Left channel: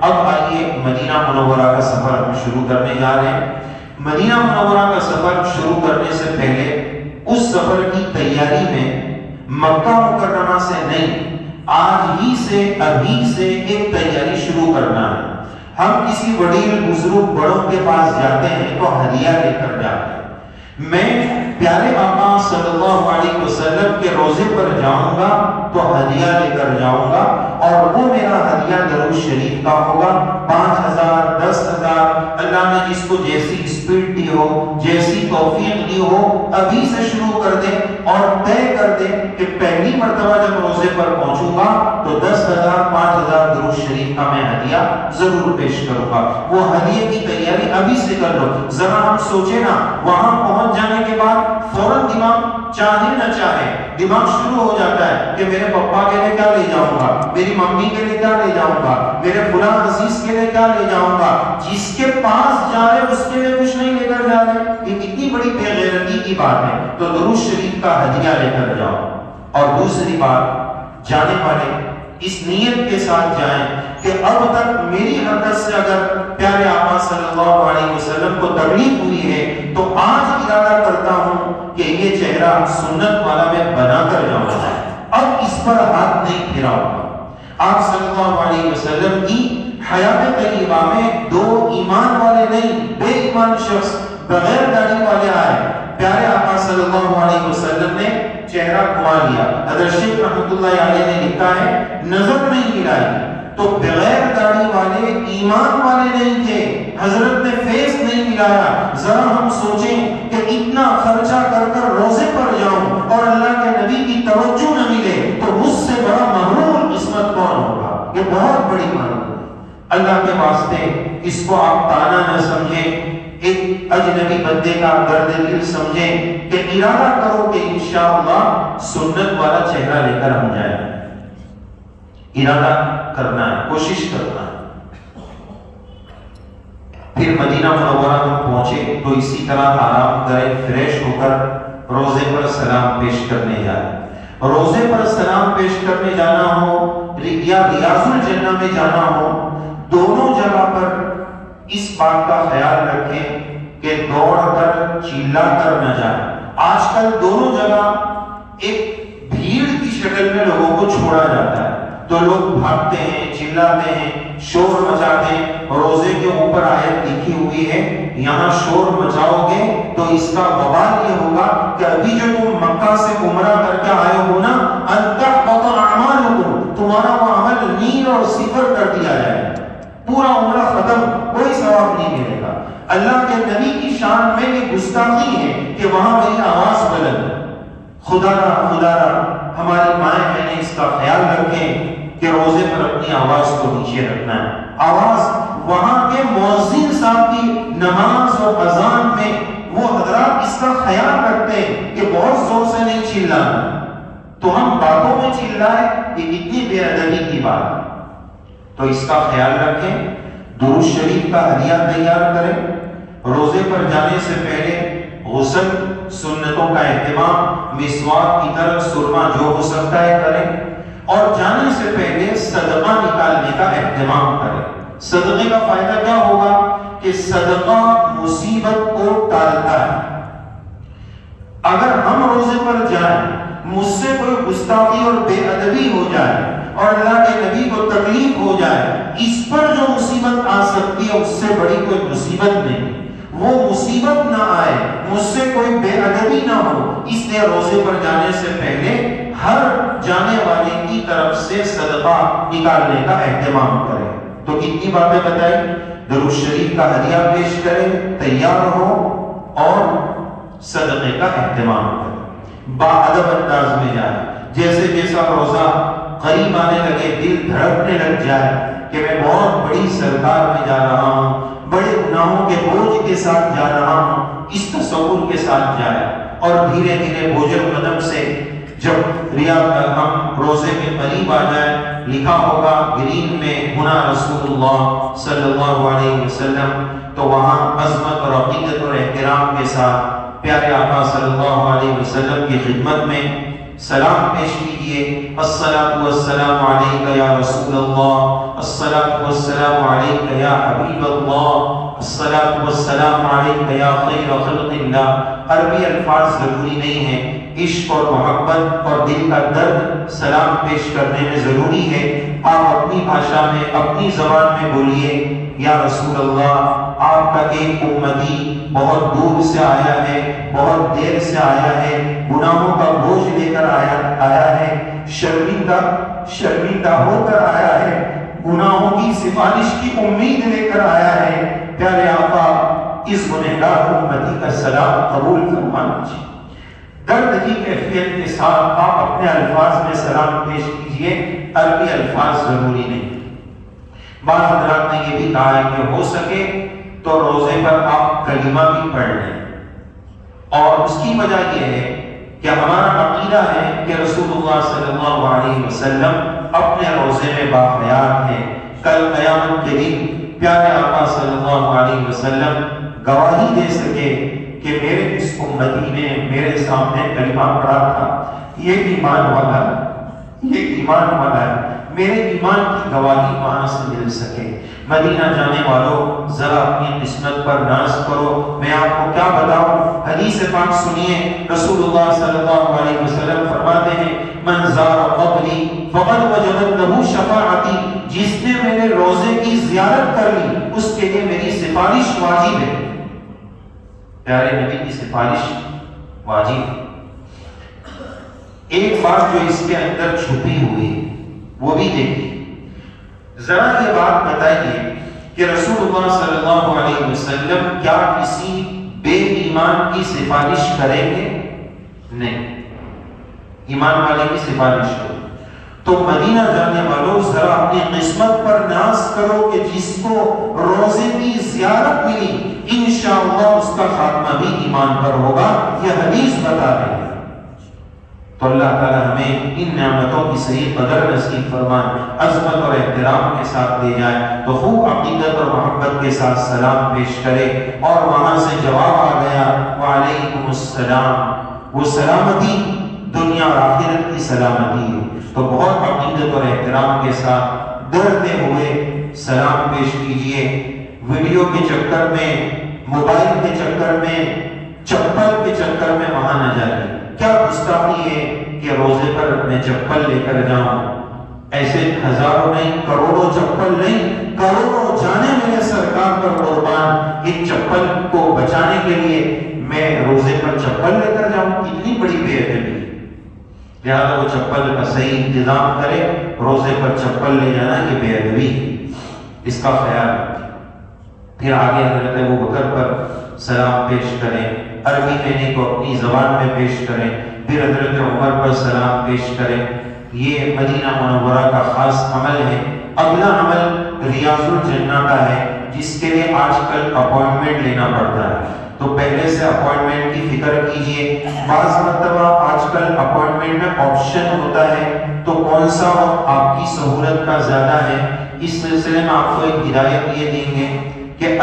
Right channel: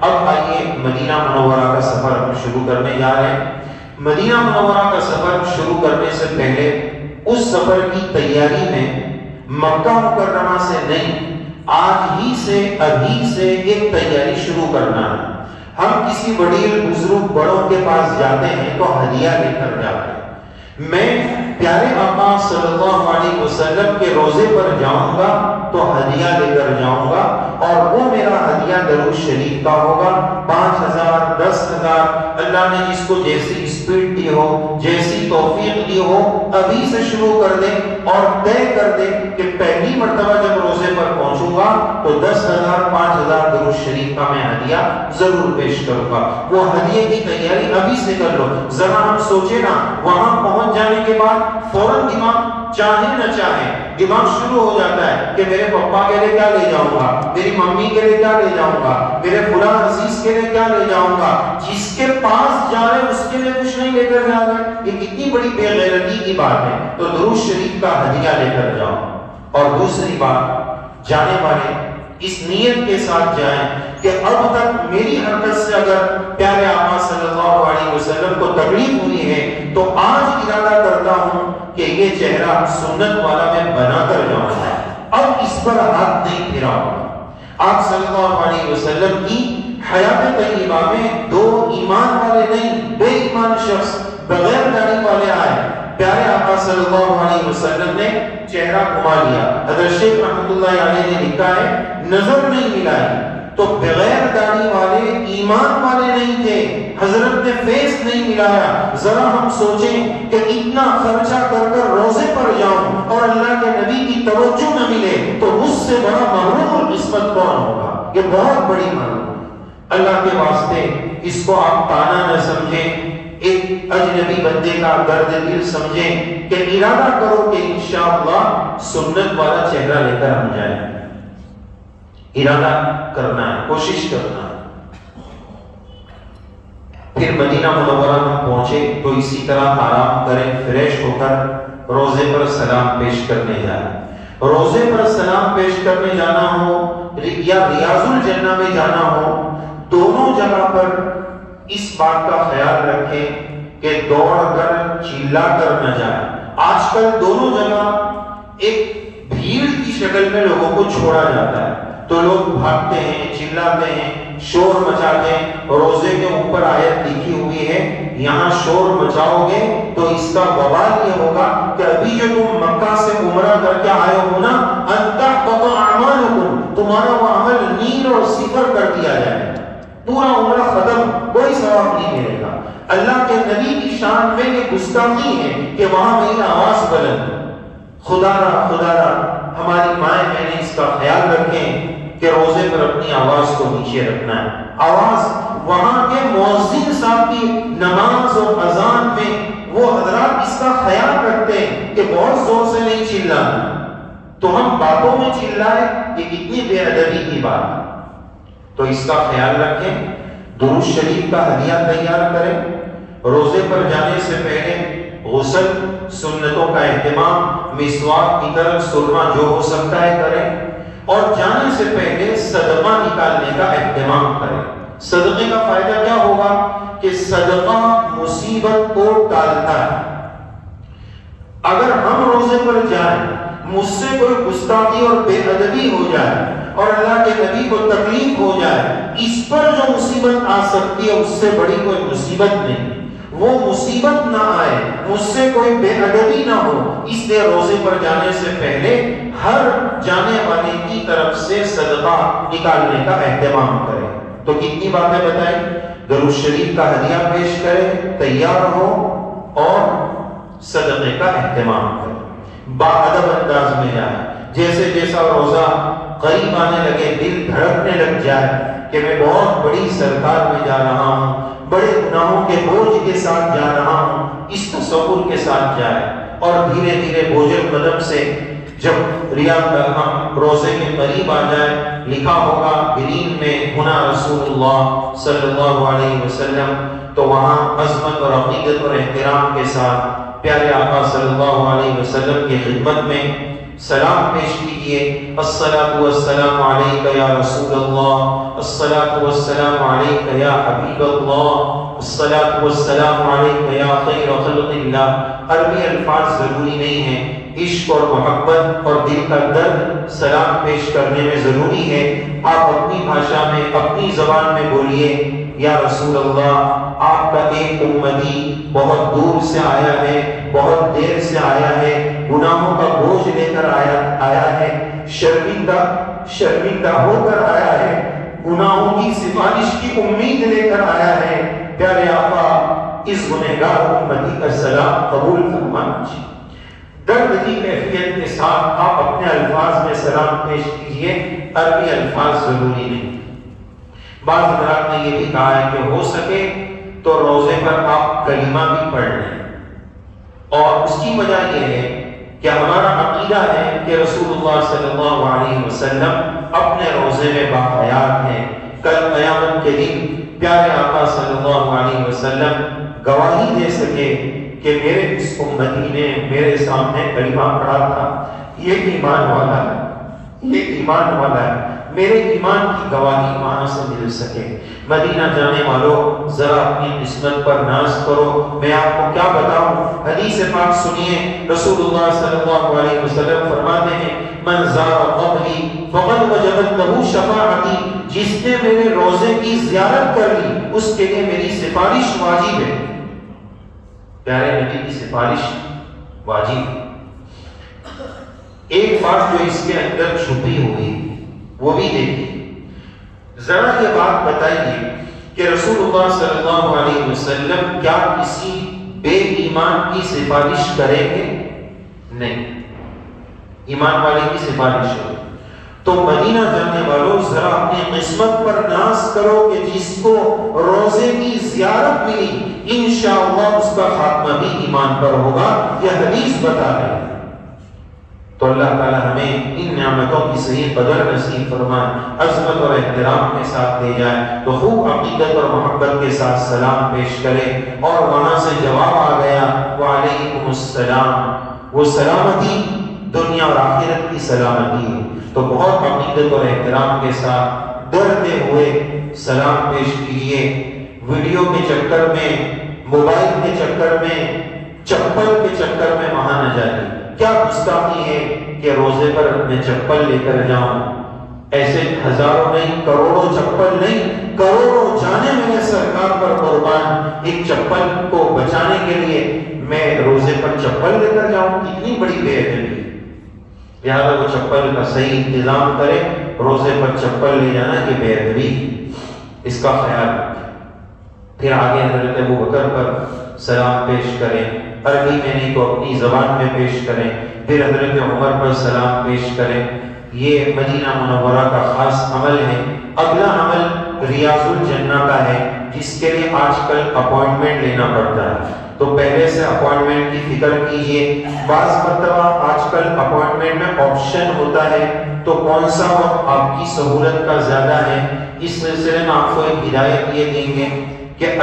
اب آئیے مدینہ منورہ کا سفر ہم شروع کرنے جا رہے ہیں۔ مدینہ منورہ کا سفر شروع کرنے سے پہلے اس سفر کی تیاری میں مکہ مکرمہ سے نہیں، آج ہی سے ابھی سے ایک تیاری شروع کرنا ہے۔ ہم کسی وڈیل بزرگ بڑوں کے پاس جاتے ہیں تو ہدیہ لے کر جاتے ہیں۔ میں پیارے آقا صلی اللہ علیہ وسلم کے روزے پر جاؤں گا تو ہدیہ لے کر جاؤں گا، اور وہ میرا ہدیہ درود شریف کا ہوگا۔ 5000 10,000 اللہ نے جس کو جیسی اسپیڈ دی ہو، جیسی توفیق دی ہو، ابھی سے شروع کر دیں اور طے کر دیں کہ پہلی مرتبہ جب روزے پر پہنچوں گا تو 10,000 5,000 درود شریف کا میں ہدیہ ضرور پیش کروں گا۔ وہ ہدیے کی تیاری ابھی سے کر لو۔ ذرا ہم سوچیں نا، وہاں پہنچ جانے کے بعد فوراً دماغ چاہے نہ چاہے دماغ شروع ہو جاتا ہے کہ میرے پپا کے لیے کیا لے جاؤں گا، میری ممی کے لیے کیا لے جاؤں گا، میرے فلاں عزیز کے لیے کیا لے جاؤں گا۔ جس کے پاس جا رہے اس کے لیے کچھ نہیں لے کر جا رہے، یہ کتنی بڑی بے غیرتی کی بات ہے۔ تو درود شریف کا ہدیہ لے کر جاؤ۔ اور دوسری بات، جانے والے اس نیت کے ساتھ جائیں کہ اب تک میری حرکت سے اگر پیارے آقا صلی اللہ علیہ وسلم کو تکلیف ہوئی ہے تو آج ارادہ کرتا ہوں کہ یہ چہرہ سنت والا میں بنا کر جاؤں گا، اب اس پر ہاتھ نہیں پھراؤں گا۔ آپ صلی اللہ علیہ وسلم کی حیات طیبہ میں دو ایمان والے نہیں، بے ایمان شخص بغیر داڑھی والے آئے۔ پیارے آقا صلی اللہ علیہ وسلم نے چہرہ گھما لیا۔ حضرت شیخ رحمۃ اللہ علیہ نے لکھا ہے نظر نہیں ملائی، تو بغیر داڑھی والے ایمان والے نہیں تھے، حضرت نے فیس نہیں ملایا۔ ذرا ہم سوچیں کہ اتنا خرچہ کر کر روزے پر جاؤں اور اللہ کے نبی کی توجہ نہ ملے تو مجھ سے بڑا محروم قسمت کون ہوگا؟ یہ بہت بڑی محروم۔ اللہ کے واسطے اس کو آپ تانا نہ سمجھیں، ایک اجنبی بندے کا درد دل سمجھیں کہ ارادہ کرو کہ انشاءاللہ سنت والا چہرہ لے کر ہم جائیں۔ ارادہ کرنا ہے، کوشش کرنا ہے۔ پھر مدینہ منورہ ہم پہنچے تو اسی طرح آرام کریں، فریش ہو کر روزے پر سلام پیش کرنے جائیں۔ روزے پر سلام پیش کرنے جانا ہو یا ریاض الجنہ میں جانا ہو، دونوں جگہ پر اس بات کا خیال رکھیں کہ دوڑ کر چلا کر نہ جائیں۔ آج کل دونوں جگہ ایک بھیڑ کی شکل میں لوگوں کو چھوڑا جاتا ہے، تو لوگ بھاگتے ہیں، چلاتے ہیں، شور مچاتے ہیں۔ روزے کے اوپر آیت لکھی ہوئی ہے، یہاں شور مچاؤ گے تو اس کا وبال یہ ہوگا کہ ابھی جو تم مکہ سے عمرہ کر کے آئے ہو نا، ان تحبط اعمالکم، تمہارا وہ عمل نیل اور صفر کر دیا جائے، پورا عمرہ ختم، کوئی ثواب نہیں ملے گا۔ اللہ کے نبی کی شان میں یہ گستاخی ہے کہ وہاں میری آواز بلند۔ خدا را ہماری مائیں بہنیں اس کا خیال رکھیں کہ روزے پر اپنی آواز کو نیچے رکھنا ہے۔ آواز وہاں کے مؤذن صاحب کی نماز اور اذان میں وہ حضرات اس کا خیال رکھتے ہیں کہ بہت زور سے نہیں چلانا، تو ہم باتوں میں چلائیں، یہ کتنی بے ادبی کی بات۔ تو اس کا خیال رکھیں، درود شریف کا ہدیہ تیار کریں۔ روزے پر جانے سے پہلے غسل سنتوں کا اہتمام، مسواک کی طرف سرما جو ہو سکتا ہے کریں، اور جانے سے پہلے صدقہ نکالنے کا اہتمام کریں۔ صدقے کا فائدہ کیا ہوگا کہ صدقہ مصیبت کو ٹالتا ہے۔ اگر ہم روزے پر جائیں، مجھ سے کوئی گستاخی اور بے ادبی ہو جائے اور اللہ کے نبی کو تکلیف ہو جائے، اس پر جو مصیبت آ سکتی ہے اس سے بڑی کوئی مصیبت نہیں۔ وہ مصیبت نہ آئے، مجھ سے کوئی بے ادبی نہ ہو، اس لیے روزے پر جانے سے پہلے ہر جانے والے کی طرف سے صدقہ نکالنے کا اہتمام کریں۔ تو کتنی باتیں بتائیں؟ درود شریف کا ہدیہ پیش کریں، تیار ہو اور صدقے کا اہتمام کریں، باادب انداز میں جائیں۔ جیسے جیسا روزہ قریب آنے لگے دل دھڑکنے لگ جائے کہ میں بہت بڑی سرکار میں جا رہا ہوں، بڑے گناہوں کے بوجھ کے ساتھ جا رہا ہوں، اس تصور کے ساتھ جائے۔ اور دھیرے دھیرے بوجھل قدم سے جب ہم روزے کے قریب آ جائے، لکھا ہوگا گرین میں ہونا رسول اللہ صلی اللہ علیہ وسلم، تو وہاں عظمت اور عقیدت اور احترام کے ساتھ پیارے آقا صلی اللہ علیہ وسلم کی خدمت میں سلام پیش کیجئے. الصلاۃ والسلام علیک یا رسول اللہ، الصلاۃ والسلام علیک یا حبیب اللہ، الصلاۃ والسلام علیک یا خیر خلق اللہ. عربی الفاظ ضروری نہیں ہیں، عشق اور محبت اور دل کا درد سلام پیش کرنے میں ضروری ہے. آپ اپنی بھاشا میں، اپنی زبان میں بولیے، یا رسول اللہ آپ کا ایک امتی بہت دور سے آیا ہے، بہت دیر سے آیا ہے، گناہوں کا بوجھ لے کر آیا ہے، شرمندہ ہو کر آیا ہے، گناہوں کی سفارش کی امید لے کر آیا ہے. پیارے آقا اس گنہگار امتی کا سلام قبول فرمانا چاہیے. درد کی کیفیت کے ساتھ آپ اپنے الفاظ میں سلام پیش کیجئے، عربی الفاظ ضروری نہیں. بعض حضرات نے یہ بھی کہا ہے کہ ہو سکے تو روزے پر آپ کلمہ بھی پڑھ لیں، اور اس کی وجہ یہ ہے کہ ہمارا عقیدہ ہے کہ رسول اللہ صلی اللہ علیہ وسلم اپنے روزے میں باحیات ہیں. کل قیامت کے دن پیارے آقا صلی اللہ علیہ وسلم گواہی دے سکے کہ میرے اس امتی نے میرے سامنے کلمہ پڑھا تھا، یہ ایمان والا ہے، یہ ایمان والا ہے. میرے ایمان کی گواہی وہاں سے مل سکے. مدینہ جانے والوں ذرا اپنی قسمت پر ناز کرو. میں آپ کو کیا بتاؤں، حدیث پاک سنیے. رسول اللہ صلی اللہ علیہ وسلم فرماتے ہیں من زار قبری فقد وجبت له شفاعتی، جس نے میرے روزے کی زیارت کر لی اس کے لیے میری سفارش واجب ہے. پیارے نبی کی سفارش واجب ہے. ایک بات جو اس کے اندر چھپی ہوئی وہ بھی دیکھیے. ذرا یہ بات بتائیے کہ رسول اللہ صلی اللہ علیہ وسلم کیا کسی بے ایمان کی سفارش کریں گے؟ نہیں، ایمان والے کی سفارش کرو. تو مدینہ جانے والوں ذرا اپنی قسمت پر ناز کرو کہ جس کو روزے کی زیارت ملی انشاءاللہ اس کا خاتمہ بھی ایمان پر ہوگا. یہ حدیث بتا رہی ہے. تو اللہ تعالی ہمیں ان نعمتوں کی صحیح قدر نصیب فرمائے، عظمت اور احترام کے ساتھ لے جائے. تو خوب عقیدت اور محبت کے ساتھ سلام پیش کرے، اور وہاں سے جواب آ گیا وعلیکم السلام. وہ سلامتی دنیا اور آخرت کی سلامتی ہے. تو بہت عقیدت اور احترام کے ساتھ ڈرتے ہوئے سلام پیش کیجئے. ویڈیو کے چکر میں، موبائل کے چکر میں، چپل کے چکر میں وہاں نہ جائیے. کیا گستاخی ہے کہ روزے پر میں چپل لے کر جاؤں. ایسے ہزاروں نہیں، کروڑوں چپل نہیں، کروڑوں جانے میرے سرکار پر قربان. ایک چپل کو بچانے کے لیے میں روزے پر چپل لے کر جاؤں، کتنی بڑی بے ادبی. لہٰذا وہ چپل کا صحیح انتظام کرے. روزے پر چپل لے جانا یہ بے ادبی، اس کا خیال رکھیں. پھر آگے حضرت ابوبکر پر سلام پیش کریں، عربی میں نہیں تو اپنی زبان میں پیش کریں. پھر حضرت عمر پر سلام پیش کریں. یہ مدینہ منورہ کا خاص عمل ہے. اگلا عمل ریاض الجنہ کا ہے، جس کے لیے آج کل اپوائنٹمنٹ لینا پڑتا ہے. تو پہلے سے اپوائنٹمنٹ کی فکر کیجئے. بعض مرتبہ آج کل اپوائنٹمنٹ میں آپشن ہوتا ہے، تو کون سا وقت آپ کی سہولت کا زیادہ ہے. اس سلسلے میں آپ کو ایک ہدایت یہ دیں گے کہ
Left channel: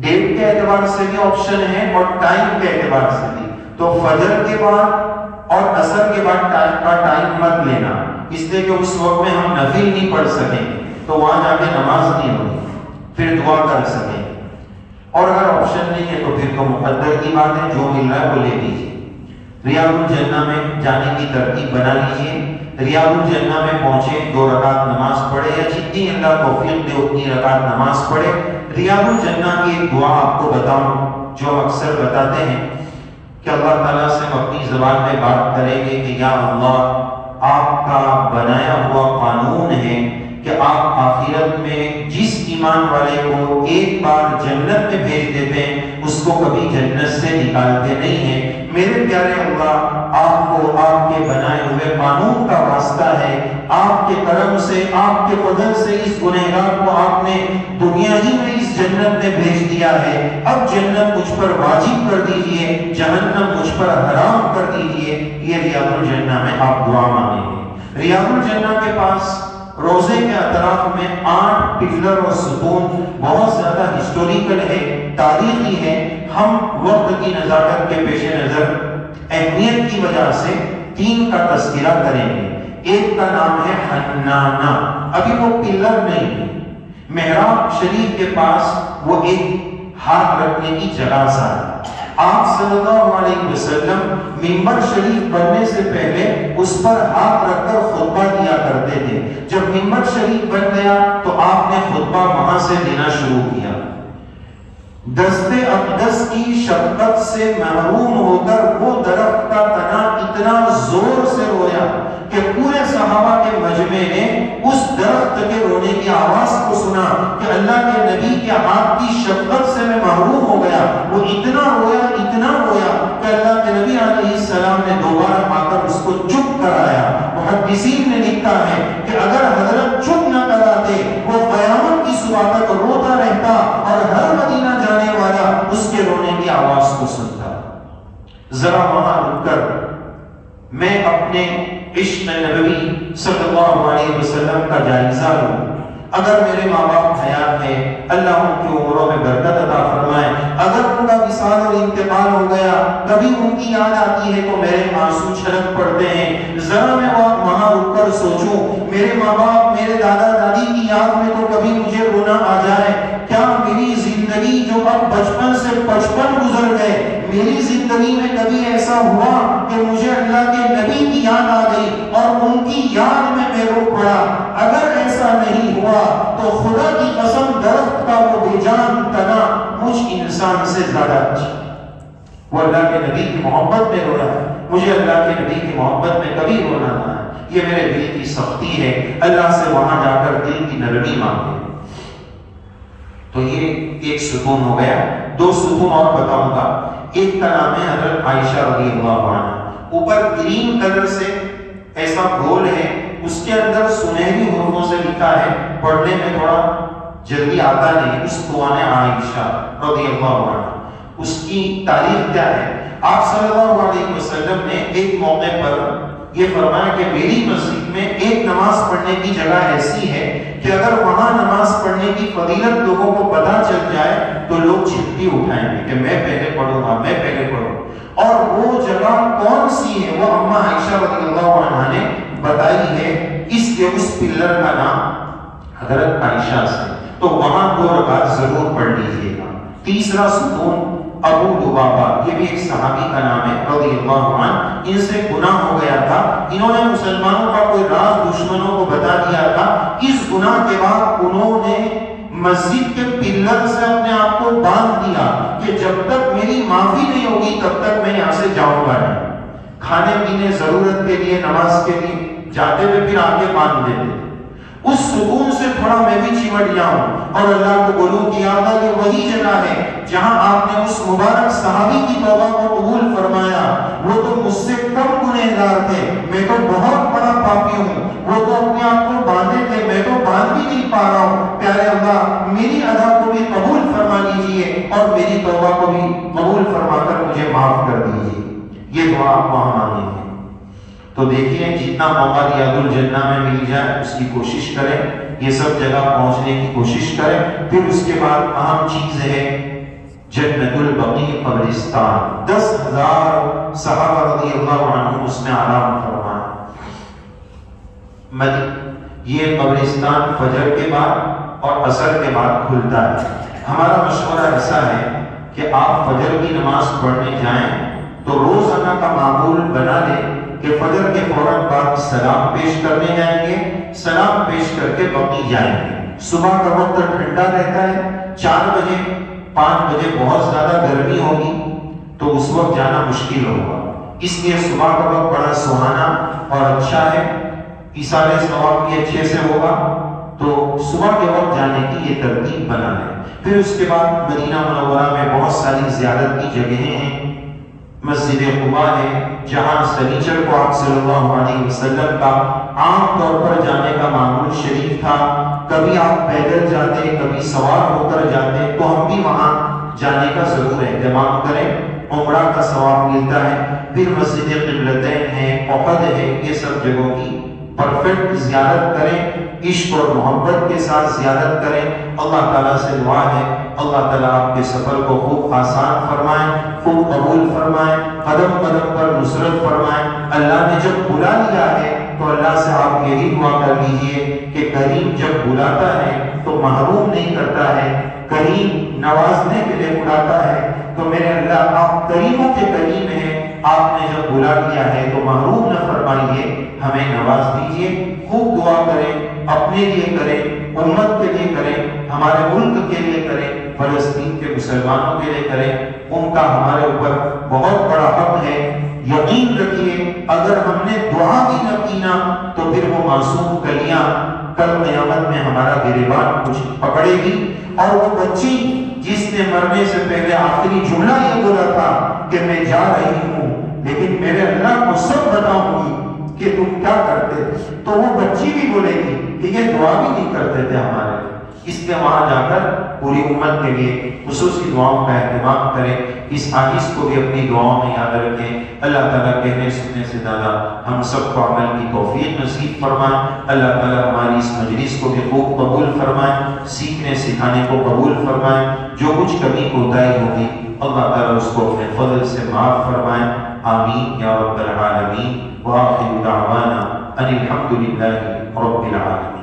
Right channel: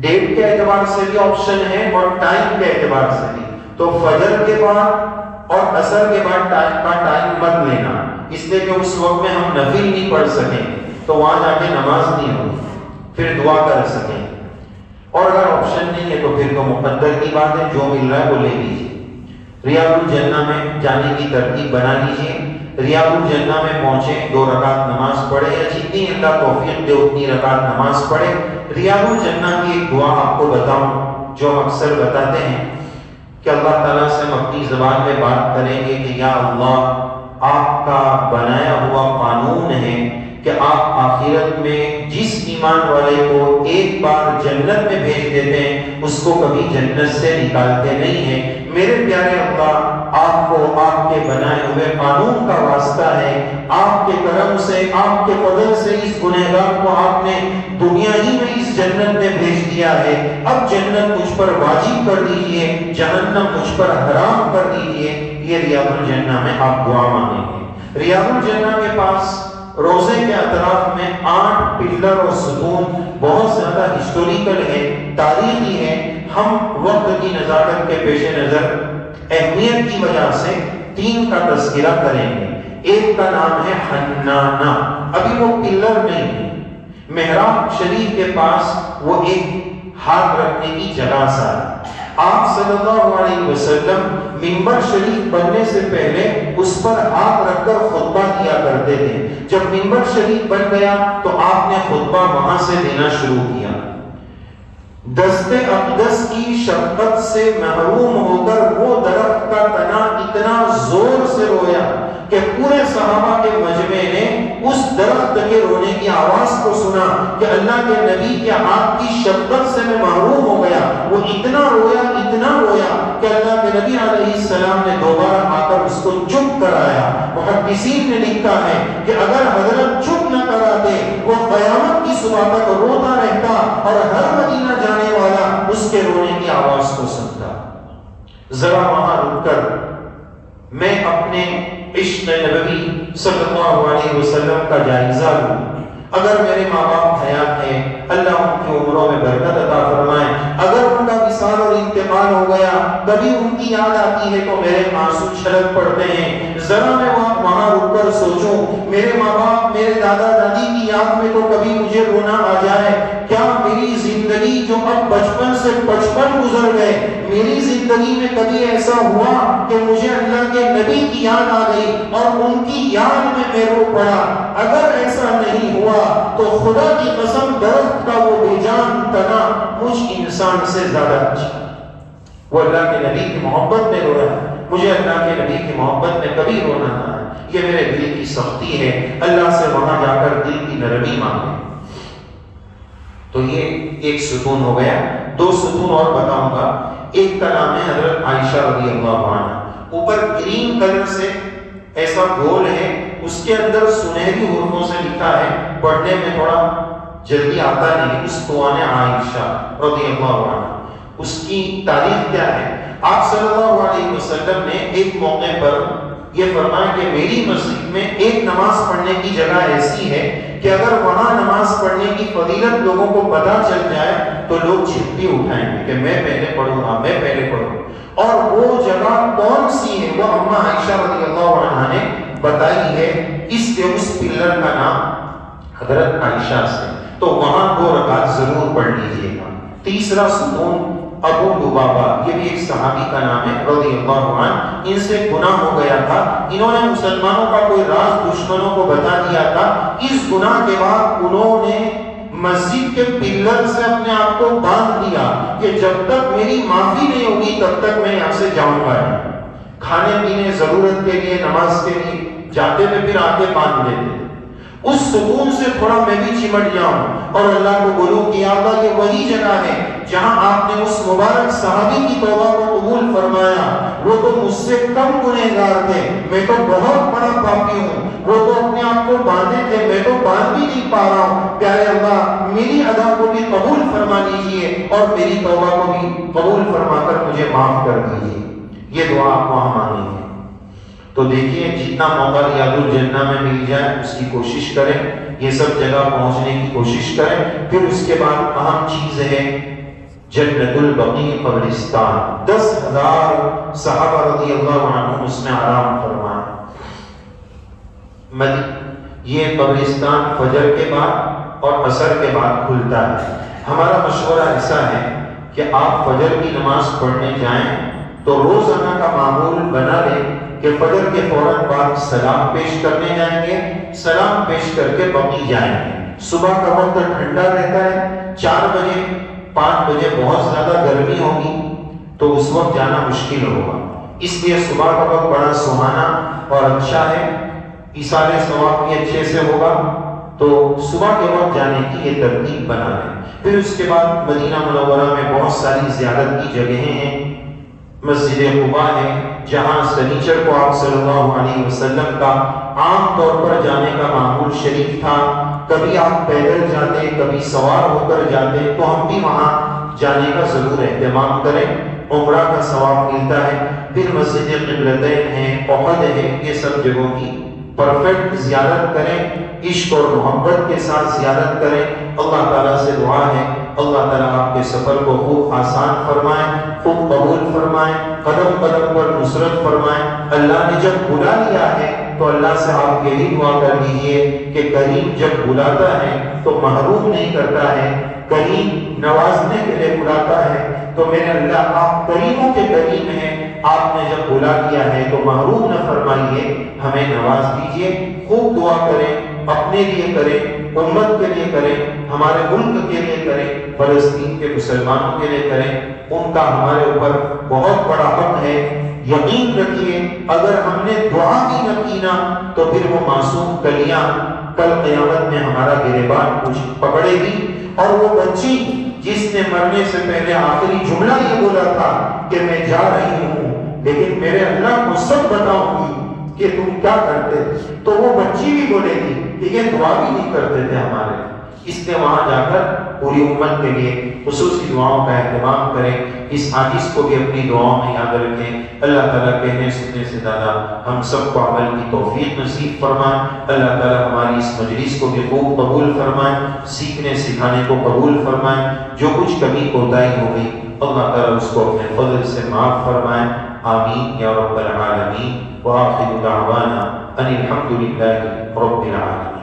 ڈیٹ کے اعتبار سے بھی آپشن ہے اور ٹائم کے اعتبار سے بھی. تو فجر کے بعد اور عصر کے بعد ٹائم مت لینا، اس لیے کہ اس وقت میں ہم نفل نہیں پڑھ سکیں، تو وہاں جا کے نماز نہیں ہوگی، پھر دعا کر سکیں. اور اگر آپشن نہیں ہے تو پھر تو مقدر کی بات ہے، جو مل رہا ہے وہ لے لیجیے. ریاض الجنہ میں جانے کی ترتیب بنا لیجیے. ریاض الجنہ میں پہنچے، 2 رکعت نماز پڑھے، یا جتنی اللہ توفیق دے اتنی رکعت نماز پڑھے. ریاض الجنہ کی ایک دعا آپ کو بتاؤں جو ہم اکثر بتاتے ہیں کہ اللہ تعالیٰ سے ہم اپنی زبان میں بات کریں گے کہ یا اللہ، آپ کا بنایا ہوا قانون ہے کہ آپ آخرت میں جس ایمان والے کو ایک بار جنت میں بھیج دیتے ہیں اس کو کبھی جنت سے نکالتے نہیں ہیں. میرے پیارے اللہ، آپ کو آپ کے بنائے ہوئے قانون کا واسطہ ہے. آپ کے کرم سے، آپ کے فضل سے اس گنہگار کو آپ نے دنیا ہی میں اس جنت میں بھیج دیا ہے. اب جنت مجھ پر واجب کر دیجئے، جہنم مجھ پر حرام کر دیجئے. یہ ریاض الجنہ میں آپ دعا مانگیں گے. ریاض الجنہ کے پاس روزے کے اطراف میں 8 پلر اور ستون بہت زیادہ ہسٹوریکل ہے، تاریخی ہے. ہم وقت کی نزاکت کے پیش نظر، اہمیت کی وجہ سے 3 کا تذکرہ کریں گے۔ ایک کا نام ہے حنانہ، ابھی وہ پلر نہیں ہے، محراب شریف کے پاس وہ ایک ہاتھ رکھنے کی جگہ سا ہے۔ آپ صلی اللہ علیہ وسلم منبر شریف بننے سے پہلے اس پر ہاتھ رکھ کر خطبہ دیا کرتے تھے۔ جب منبر شریف بن گیا تو آپ نے خطبہ وہاں سے دینا شروع کیا۔ دست اقدس کی شفقت سے محروم ہو کر وہ درخت کا تنا اتنا زور سے رویا کہ پورے صحابہ کے مجمع نے اس درخت کے رونے کی آواز کو سنا کہ اللہ کے نبی کے ہاتھ کی شفقت سے میں محروم ہو گیا۔ وہ اتنا رویا کہ اللہ کے نبی علیہ السلام نے دوبارہ آ کر اس کو چپ کرایا۔ محدثین نے لکھا ہے کہ اگر حضرت چپ نہ کراتے وہ قیامت کی صبح تک روتا رہتا اور ہر مدینہ جانے والا اس کے رونے کی آواز کو سنتا۔ ذرا وہاں رک کر میں اپنے عشق نبوی صلی اللہ علیہ وسلم کا جائزہ لوں۔ اگر میرے ماں باپ حیات ہیں، اللہ ان کی عمروں میں برکت عطا فرمائے۔ اگر ان کا وصال اور انتقال ہو گیا، کبھی ان کی یاد آتی ہے تو میرے آنسو چھلک پڑتے ہیں۔ ذرا میں وہاں رک کر سوچوں، میرے ماں باپ، میرے دادا دادی کی یاد میں تو کبھی مجھے رونا آ جائے۔ کیا میری زندگی جو اب بچپن سے 55 گزر گئے، میری زندگی میں کبھی ایسا ہوا کہ مجھے اللہ کے نبی کی یاد آ گئی اور ان کی یاد میں رو پڑا؟ اگر ایسا نہیں ہوا تو خدا کی قسم درخت کا وہ بے جان تنا مجھ انسان سے زیادہ اچھا۔ وہ اللہ کے نبی کی محبت میں رویا، مجھے اللہ کے نبی کی محبت میں کبھی رونا نہ آیا۔ یہ میرے دل کی سختی ہے، اللہ سے وہاں جا کر دل کی نرمی مانگے۔ تو یہ ایک ستون ہو گیا۔ 2 ستون اور بتاؤں گا۔ ایک کا نام ہے حضرت عائشہ رضی اللہ عنہا، اوپر گرین کلر سے ایسا گول ہے، اس کے اندر سنہری حروفوں سے لکھا ہے، پڑھنے میں تھوڑا جلدی آتا نہیں، اس قوان عائشہ رضی اللہ عنہ۔ اس کی تاریخ کیا ہے؟ آپ صلی اللہ علیہ وسلم نے ایک موقع پر یہ فرمایا کہ میری مسجد میں ایک نماز پڑھنے کی جگہ ایسی ہے کہ اگر وہاں نماز پڑھنے کی فضیلت لوگوں کو پتہ چل جائے تو لوگ چھٹی اٹھائیں گے کہ میں پہلے پڑھوں گا، میں پہلے پڑھوں۔ اور وہ جگہ کون سی ہے؟ وہ اماں عائشہ رضی اللہ عنہا نے بتائی ہے، اس کے اس پلر کا نام حضرت عائشہ سے۔ تو وہاں 2 رکعت ضرور پڑھ لیجیے گا۔ تیسرا ستون ابو لبابہ، یہ بھی ایک صحابی کا نام ہے رضی اللہ عنہ۔ ان سے گناہ ہو گیا تھا، انہوں نے مسلمانوں کا کوئی راز دشمنوں کو بتا دیا تھا۔ اس گناہ کے بعد انہوں نے مسجد کے پلر سے اپنے آپ کو باندھ دیا کہ جب تک میری معافی نہیں ہوگی تب تک میں یہاں سے جاؤں گا نہیں۔ کھانے پینے ضرورت کے لیے، نماز کے لیے جاتے ہوئے پھر آگے باندھ دیتے۔ اس سکون سے تھوڑا میں بھی چمٹ جاؤں اور اللہ کو بولوں کہ یا اللہ یہ وہی جگہ ہے جہاں آپ نے اس مبارک صحابی کی توبہ کو قبول فرمایا۔ وہ تو مجھ سے کم گنہگار تھے، میں تو بہت بڑا پاپی ہوں۔ وہ تو اپنے آپ کو باندھے تھے، میں تو باندھ بھی نہیں پا رہا ہوں۔ پیارے اللہ میری ادا کو بھی قبول فرما لیجئے اور میری توبہ کو بھی قبول فرما کر مجھے معاف کر دیجئے۔ یہ دعا آپ وہاں مانگیں گے۔ تو دیکھیے جتنا موقع ریاض الجنہ میں مل جائے اس کی کوشش کریں، یہ سب جگہ پہنچنے کی کوشش کریں۔ پھر اس کے بعد اہم چیز ہے جنت البقیع قبرستان۔ 10,000 صحابہ رضی اللہ عنہم اس میں آرام فرمائے۔ یہ قبرستان فجر کے بعد اور عصر کے بعد کھلتا ہے۔ ہمارا مشورہ ایسا ہے کہ آپ فجر کی نماز پڑھنے جائیں تو روزانہ کا معمول بنا لیں کہ فجر کے فوراً بعد سلام پیش کرنے جائیں گے، سلام پیش کر کے بقیع جائیں گے۔ صبح کا وقت ٹھنڈا رہتا ہے، 4 بجے 5 بجے بہت زیادہ گرمی ہوگی تو اس وقت جانا مشکل ہوگا، اس لیے صبح کا وقت بڑا سہانا اور اچھا ہے، ایصال ثواب بھی اچھے سے ہوگا، تو صبح کے وقت جانے کی یہ ترتیب بنا ہے۔ پھر اس کے بعد مدینہ منورہ میں بہت ساری زیارت کی جگہیں ہیں، مسجد قباء ہے جہاں سنیچر کو آپ صلی اللہ علیہ وسلم کا عام طور پر جانے کا معمول شریف تھا۔ کبھی آپ پیدل جاتے، کبھی سوار ہو کر جاتے، تو ہم بھی وہاں جانے کا ضرور اہتمام کریں، عمرہ کا ثواب ملتا ہے۔ پھر مسجد قبلتین ہے، احد ہے، یہ سب جگہوں کی پرفیکٹ زیارت کریں، عشق اور محبت کے ساتھ زیارت کریں۔ اللہ تعالیٰ سے دعا ہے اللہ تعالیٰ آپ کے سفر کو خوب آسان فرمائیں، خوب قبول فرمائیں، قدم قدم پر نصرت فرمائیں۔ اللہ نے جب بلا لیا ہے تو اللہ سے آپ یہی دعا کر لیجئے کہ کریم جب بلاتا ہے تو محروم نہیں کرتا ہے، کریم نوازنے کے لیے بلاتا ہے۔ تو میرے اللہ آپ کریموں کے کریم ہیں، آپ نے جب بلا لیا ہے تو محروم نہ فرمائیے، ہمیں نواز دیجئے۔ خوب دعا کریں، اپنے لیے کریں، امت کے لیے کریں، ہمارے ملک کے لیے کریں، فلسطین کے مسلمانوں کے لیے کریں، ان کا ہمارے اوپر بہت بڑا حق ہے۔ یقین رکھیے اگر ہم نے دعا بھی نہ کی نا تو پھر وہ معصوم کلیاں کل قیامت میں ہمارا گریبان کچھ پکڑے گی، اور وہ بچی جس نے مرنے سے پہلے آخری جملہ یہ بولا تھا کہ میں جا رہی ہوں لیکن میرے اللہ کو سب بتاؤں گی کہ تم کیا کرتے تھے، تو وہ بچی بھی بولے گی کہ یہ دعا بھی نہیں کرتے تھے ہمارے، اس لیے وہاں جا کر پوری امت کے لیے خصوصی دعاؤں کا اہتمام کریں۔ اس حدیث کو بھی اپنی دعاؤں میں یاد رکھیں۔ اللہ تعالیٰ کہنے سننے سے زیادہ ہم سب کو عمل کی توفیق نصیب فرمائیں۔ اللہ تعالیٰ ہماری اس مجلس کو بھی خوب قبول فرمائیں، سیکھنے سکھانے کو قبول فرمائیں۔ جو کچھ کمی کوتاہی ہوگی اللہ تعالیٰ اس کو اپنے فضل سے معاف فرمائیں۔ آمین یا رب العالمین۔ وآخر دعوانا ان الحمد للہ رب العالمین۔